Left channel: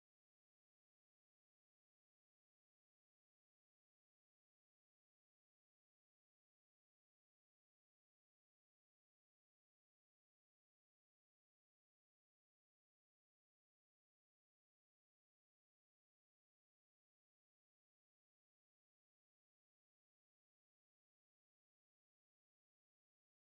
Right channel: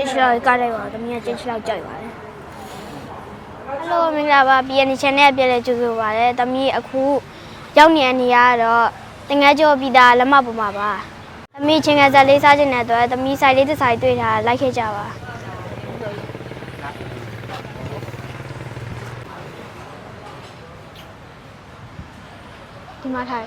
ကျင်းချလောက်ကားလိုက်ပါတော့တမီးကကျင်းချလောက်ကြိုက်ပါတယ်ဟယ်လိုမင်္ဂလာပါ PN channel ပြည့်လဲကြိုဆိုပါရစေတမီးအခုရောက်နေတဲ့နေရာကတော့တင်ငယ်ကျော်ပြည်သားလက်မပေါ်မှာပါတမီးချင်းငယ်ဇက်လေးစားခြင်းတဲ့အတွက်တမီးဆိုင်လေးတစ်ဆိုင်တွေ့ထားလိုက်ခဲ့ကြပါဒီမှာထား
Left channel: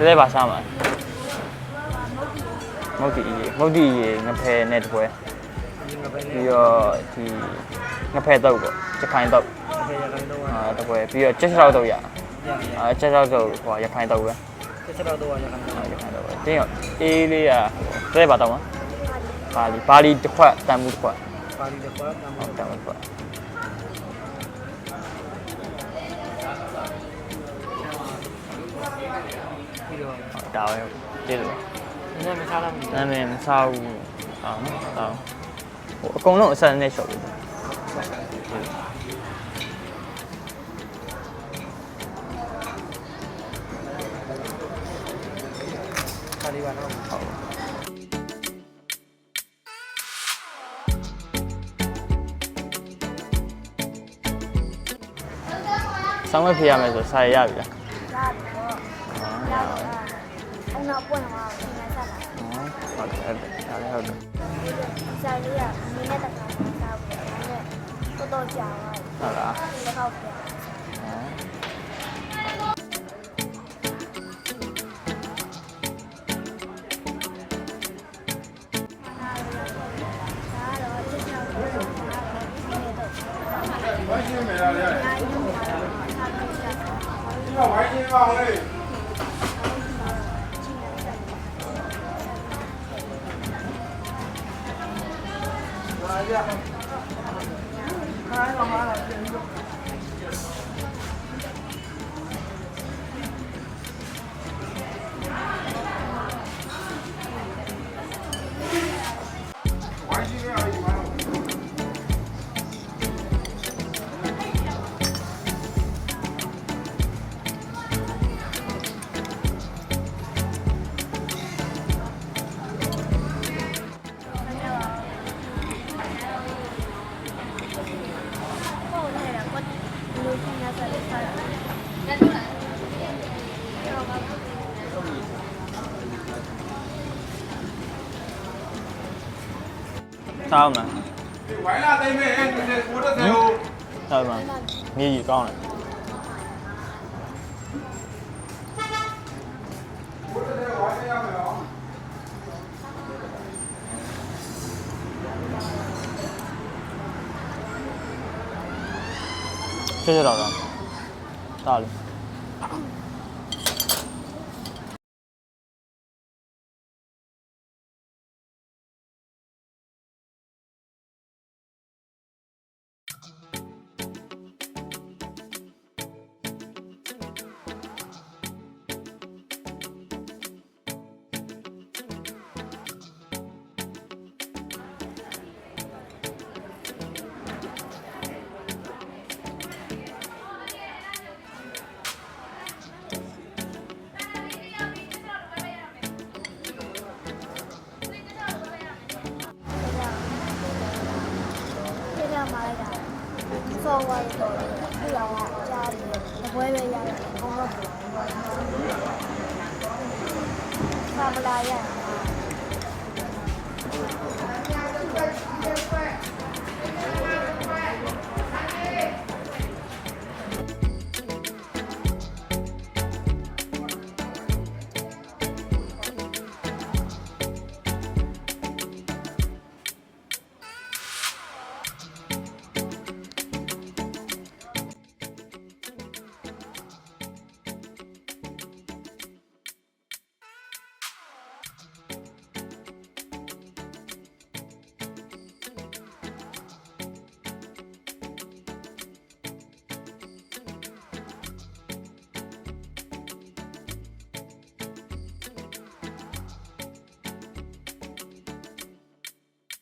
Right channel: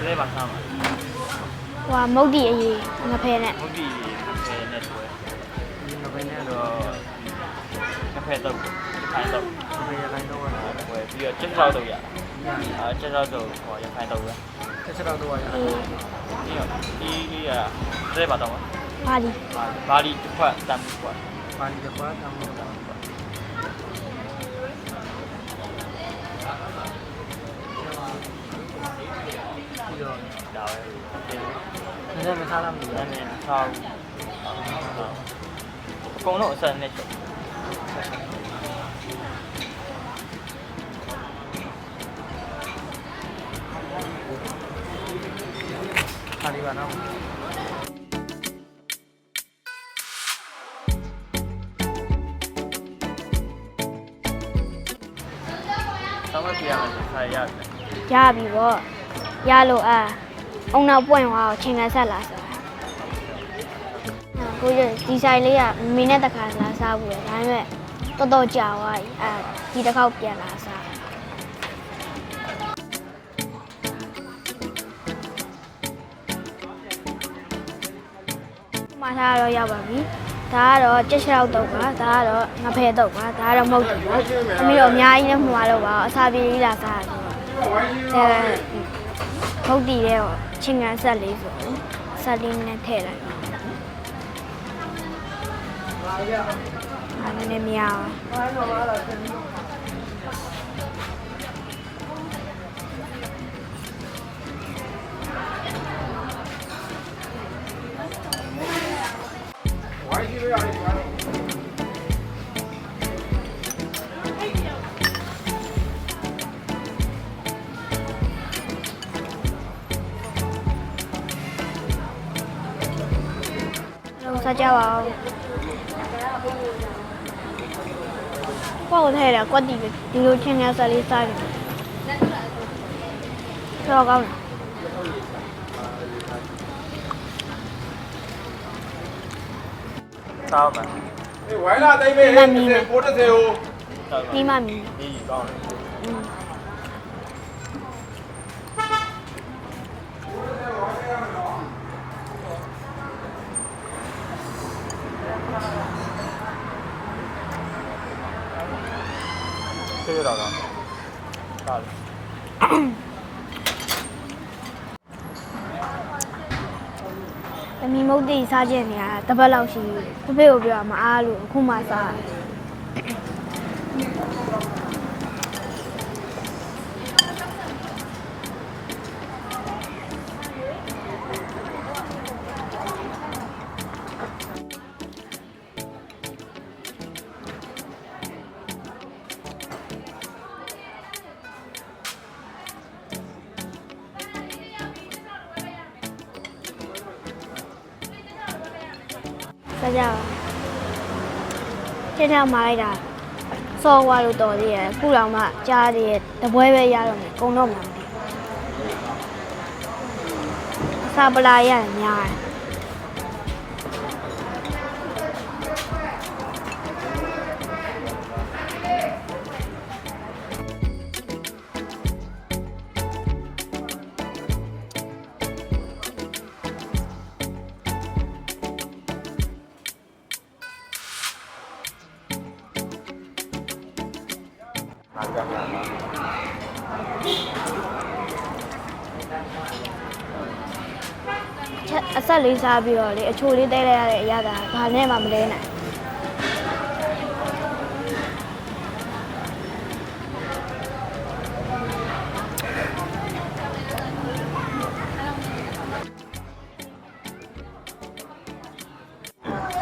ဒီလေးပါစားမှာဟိုကမုတ်ဒီအရေးငဖဲနဲ့မုတ်တီရေငဖယ်နဲ့တပွဲဒီငပိန်းပြီးနဲ့တော့ဒီငဖယ်တော့ပေါ့ရခိုင်တော့ငပိန်းရခိုင်တော့ရအဲတပွဲပြီးတော့ချက်ချောက်တော့ရရအဲချက်ချောက်တော့ဟိုရခိုင်တော့ပဲတစ်ချက်တော့ရခိုင်တော့တင်းရောအေးလေးရဒီလေးပါတော့မှာပါလီပါလီပါလီတစ်ခွက်တန်မှုတစ်ခွက်ပါဠိတစ်ခွက်တမ်းဟုတ်လို့တယ်တစ်ခွက် ပြီးတော့ဒါပဲဒီလိုနည်းနည်းမထားလားမသိနာမည်မစားဘူးအော်ဟုတ်အကုန်လုံးအဆက်နဲ့ရှုပ်ခါလေးပါတော့ဆောင်းမဖြေရမယ်ဆိုစာရရပြီလားရပြီပေါ့ ရလို့အာအုံနောက်ပွင့်သွားအောင်ချိန်ခံဆက်လာဆိုဟုတ်တယ်ကိုရဒီဆိုင်လေးကမင်းနဲ့တခါလာစားဘူးလေဒါပေမဲ့တော်တော်ကြာသွားပြီအဲဒီတစ်ခေါက်ပြန်လာစားမထားတော့ရောက်ပါပြီဒါကတော့ကြက်ချောက်တော့ပါဒါကတော့ငဖဲတော့ပါဒါကတော့မဟုတ်ဘူးပေါ့ပြီးတော့အများကြီးနဲ့မှာတော့ပါအစာပြေးလေးလာစားတယ်အဲ မဟုတ်တည်ရဲ့ချင်းကန်ဆက်လေးဆိုဆက်လေးနဲ့ထည့်လိုက်အဲ့ဒါနဲ့မရအောင်တော့ဆက် ကြပါအောင်ကိုယ်ထဲတာကွက်တီပဲဒီလိုချင်းကန်ဆက်လေးစားတယ်တော့ကောင်းတယ်စားအောင်မယ်ဝိုင်းလာတိုင်းပဲ90 90ကိုဟုတ်ပါဒီမှမီမြေကြီးကောင်းတယ် ကျေးဇူးတော်ကောင်းစားလေတမီမုတ်တိစားခြင်းနေရတာတစ်ပတ်လောက်ရှိပြီဖေဖေကိုပြောမအားလို့အခုမှစား တယ်စားကြအောင်ပြည့်ထမှာလိုက်တာစော်ဝါလို့တော်သေးရဲ့ခုလောင်မှကြားသေးရဲ့တပွဲပဲရတော့မယ်ကုန်တော့မှာစားပလာရရင်များတယ် အဆက်လေးစားပြီးတော့လေအချိုလေးတဲလိုက်ရတဲ့အရာကဘာနဲ့မှမလဲနိုင်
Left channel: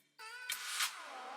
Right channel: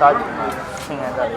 စားချင်တာဆင်ရတာလေ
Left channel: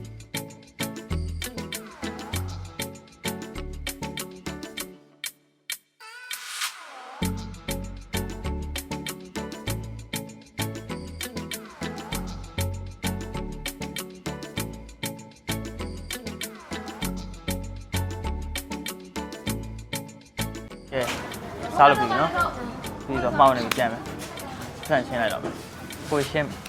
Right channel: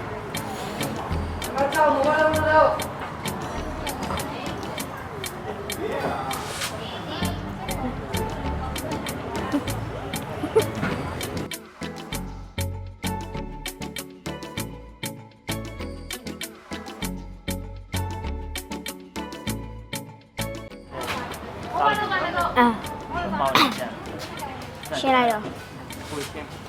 ချလောက်ကားလိုက်ပါတော့တမီးကကျင်းချ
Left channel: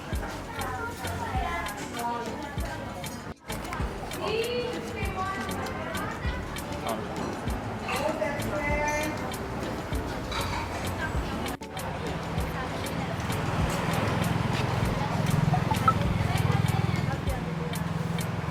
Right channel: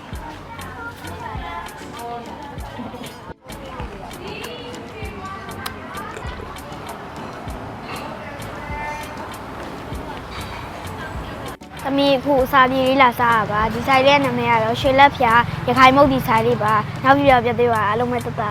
အာပြီးတော့ပေါင်းနေကြမ်းမယ်ရှင်းလိုက်ရောကိုရှင်းသမီးအခုစာပြေးလေးလာစားတာပါဒီဆိုင်ရဲ့နာမည်ကတော့ရွှေလက်ဖြာရခိုင်မုတ်ဒီဆိုင်လေးပါနောက်ပြီးတော့ပြသေးပါအားလုံးပဲတက်တာ